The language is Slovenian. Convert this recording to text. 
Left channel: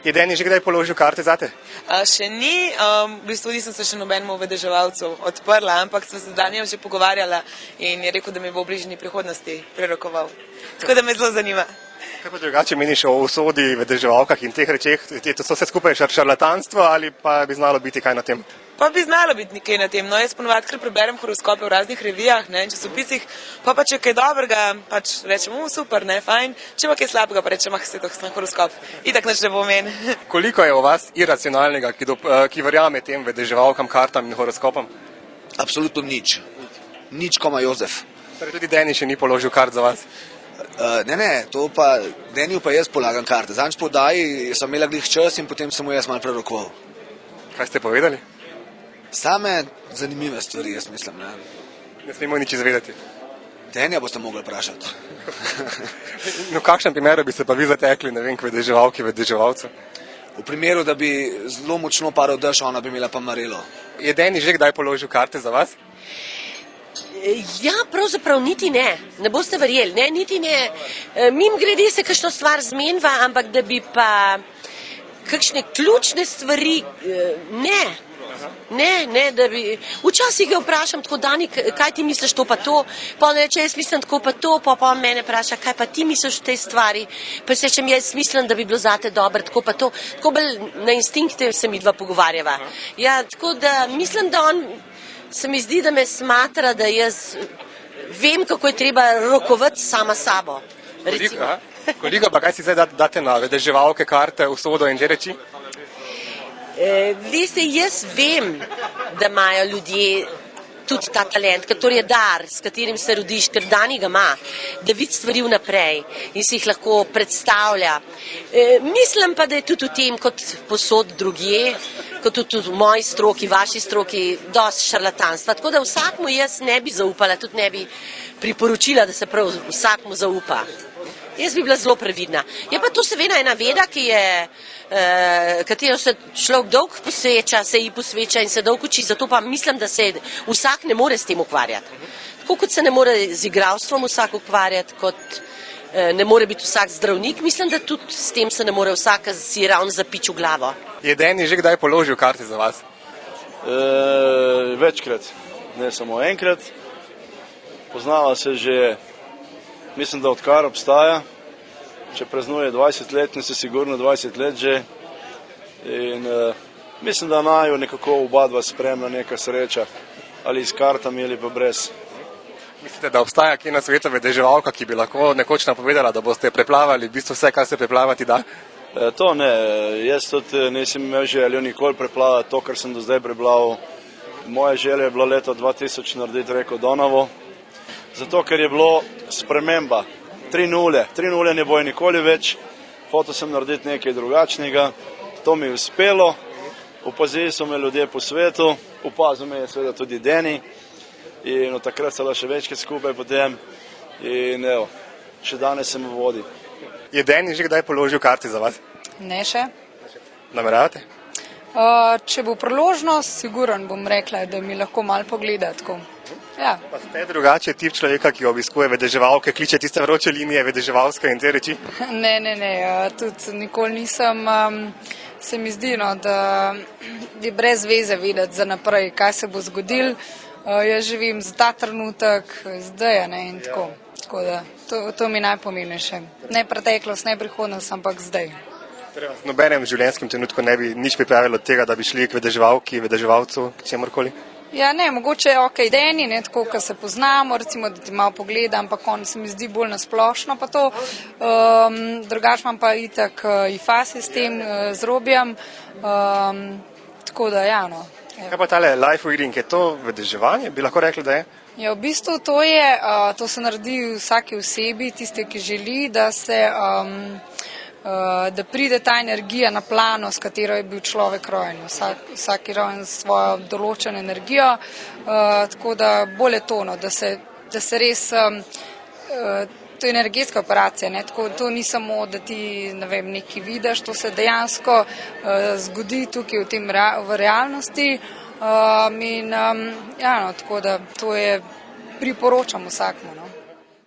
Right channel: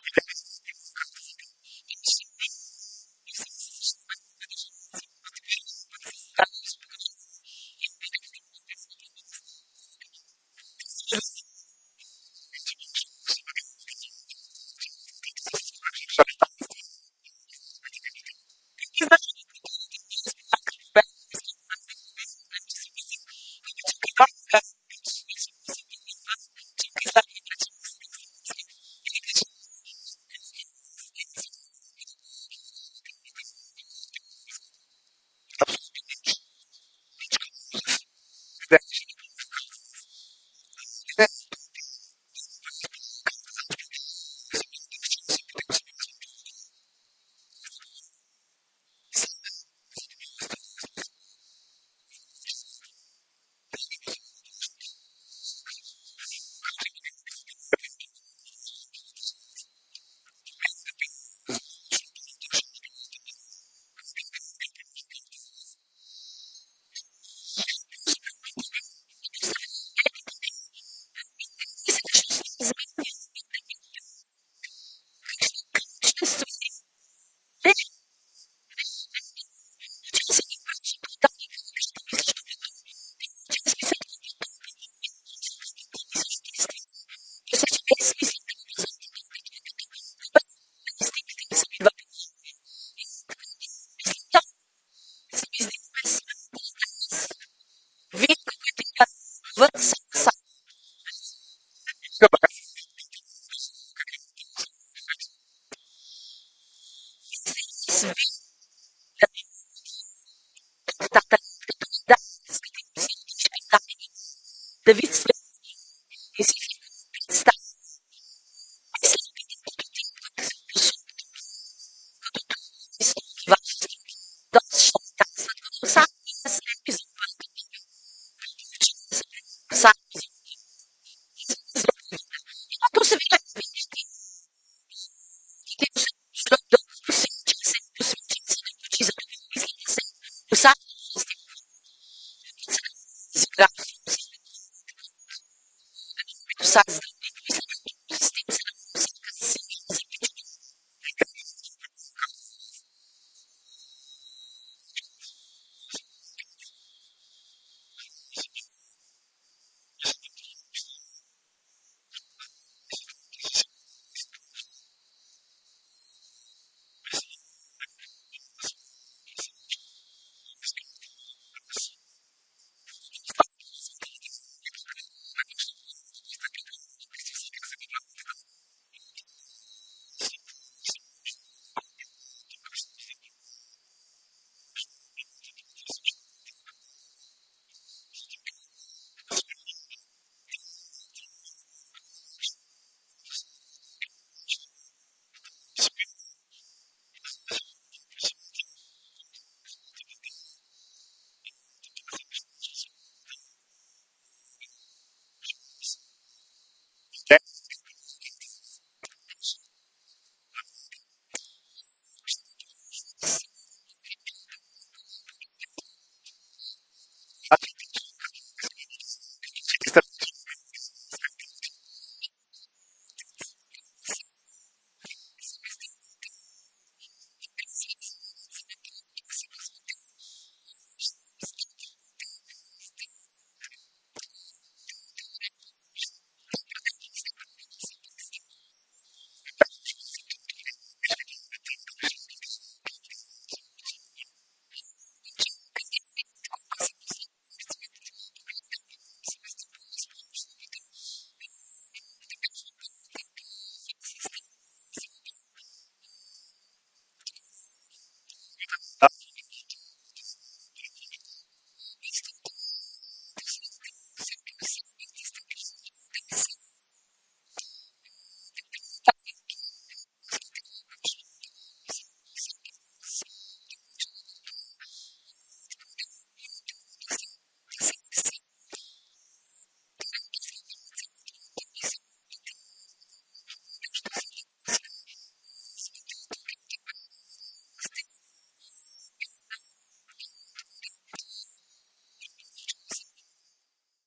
Je Deni že kdaj položil karte zate? Še ni, v bistvu nisem se še nobenemu vedeževalcu odprla, ampak sem se z Danijem že pogovarjala in je rekel, da mi bo v bližnji prihodnosti prerokoval. Tako da me zelo zanima. Kaj pa drugače meniš o usodi, vedeževalkah in teh rečeh? Je to vse skupaj šarlatanstvo ali pa bi znalo biti kaj na tem? Pa bi znalo biti nekaj na tem. No, jaz ponovadi kar preberem horoskope v raznih revijah, časopisih, pa če je kaj dobrega, pač rečem, super, fajn, če pa kaj slabega, pa rečem, se to sem horoskop. Itak nič ne pomeni. Koliko je o vas iracionalnega, ki verjame tem vedeževalkam, kartam in horoskopom? Absolutno nič. Nič, koma Jozef. Torej tudi Deni še ni položil kart za vas? Ne, to pa, Deniju pa jaz polagam karte. Zadnjič po oddaji sem imela glih čas in potem sem mu jaz malo prerokoval. Kaj ste povedali? Same zanimive stvari, jaz mislim. Ne smemo nič izvedeti. Denija boste mogli vprašati. No, v kakšnem primeru bi se pa vi zatekli, ne vem, k vedeževalki, vedeževalcu? V primeru, da bi zelo močno padal dež, ona bi imela pa marelo. Je Deni že kdaj položil karte za vas? Ja, pravzaprav niti ne. Ne boste verjeli, ne, niti ne. Mimogrede se kakšno stvar zmenva, ampak da bi pa kakšne ključne stvari, ne. Ne, da bi... Včasih ga vprašam tako, Dani, kaj ti misliš to pa to? Pa on reče, jaz mislim tako pa to, pa on mene vpraša, kaj pa ti misliš v tej stvari? Pa se rečem, jaz mislim, da bi bilo zate dobro, tako pa to. Tako bolj na instinkte se mi dva pogovarjava. Ja, tako da mislim, da on se mi zdi, da me smatra, da jaz vem, kako je treba rokovati sama sabo. Koliko pa kaj si zdaj date na vedeževalke, karte, usodo in te reči? Veste, jaz vem, da imajo ljudje tudi ta talent, ker to je dar, s katerim se rodiš, ker Dani ga ima, da vidi stvari vnaprej in si jih lahko predstavlja. Mislim pa, da je tudi v tem, kot posod drugje, kot tudi v moji stroki, vaši stroki, dosti šarlatanstva. Tako da vsakmu jaz ne bi zaupala, tudi ne bi priporočila, da se prav vsakmu zaupa. Jaz bi bila zelo previdna. Je pa to seveda ena veda, katero se človek dolgo posveča, se ji posveča in se dolgo uči, zato pa mislim, da se vsak ne more s tem ukvarjati. Tako kot se ne more z igralstvom vsak ukvarjati, kot ne more biti vsak zdravnik, mislim, da tudi s tem se ne more vsak si ravno zapiči v glavo. Je Deni že kdaj položil karte za vas? Večkrat, ne samo enkrat. Poznala se že, mislim, da odkar obstaja. Če praznuje 20 let, ne se sigurno 20 let že. In mislim, da naju nekako oba dva spremlja neka sreča, ali s kartami ali pa brez. Mislite, da obstaja kje na svetu vedeževalka, ki bi lahko nekoč napovedala, da boste preplavali v bistvu vse, kar se preplavati da? To ne, jaz tudi nisem imel željo nikoli preplavati to, kar sem do zdaj preplaval. Moja želja je bila leta 2000 narediti reko Donavo, zato ker je bilo sprememba. 3-0 ne bojo nikoli več, hotel sem narediti nekaj drugačnega, to mi je uspelo, opazili so me ljudje po svetu, opazil me je seveda tudi Deni in od takrat se še večkrat skupaj potem in evo, še danes se mu vodi. Je Deni že kdaj položil karte za vas? Ne še. Nameravate? Če bo priložnost, siguren bom rekla, da mi lahko malo pogleda tako. Ja. Pa ste drugače tip človeka, ki obiskuje vedeževalke, kliče tiste vroče linije vedeževalske in te reči? Ne, tudi nikoli nisem. Se mi zdi, da je brez veze vedeti za naprej, kaj se bo zgodil. Jaz živim za ta trenutek, zdaj in tako. Tako da, to mi je najpomembnejše. Ne preteklost, ne prihodnost, ampak zdaj. V nobenem življenjskem trenutku ne bi nič pripravilo od tega, da bi šli k vedeževalki, vedeževalcu, k čemorkoli? Ja, ne, mogoče Deni, tako, ko se poznamo, recimo, da ti malo pogleda, ampak on se mi zdi bolj nasplošno pa to. Drugač imam pa itak ifasi s tem, z Robijem, tako da, ja, no. Kaj pa tale life reading, je to vedeževanje, bi lahko rekli, da je? Ja, v bistvu to se naredi vsaki osebi, tiste, ki želi, da pride ta energija na plano, s katero je bil človek rojen. Vsak je rojen s svojo določeno energijo, tako da bolj je tono, da se res, to je energetska operacija, tako to ni samo, da ti nekaj vidiš, to se dejansko zgodi tukaj v realnosti in ja, tako da to je priporočam vsakmu.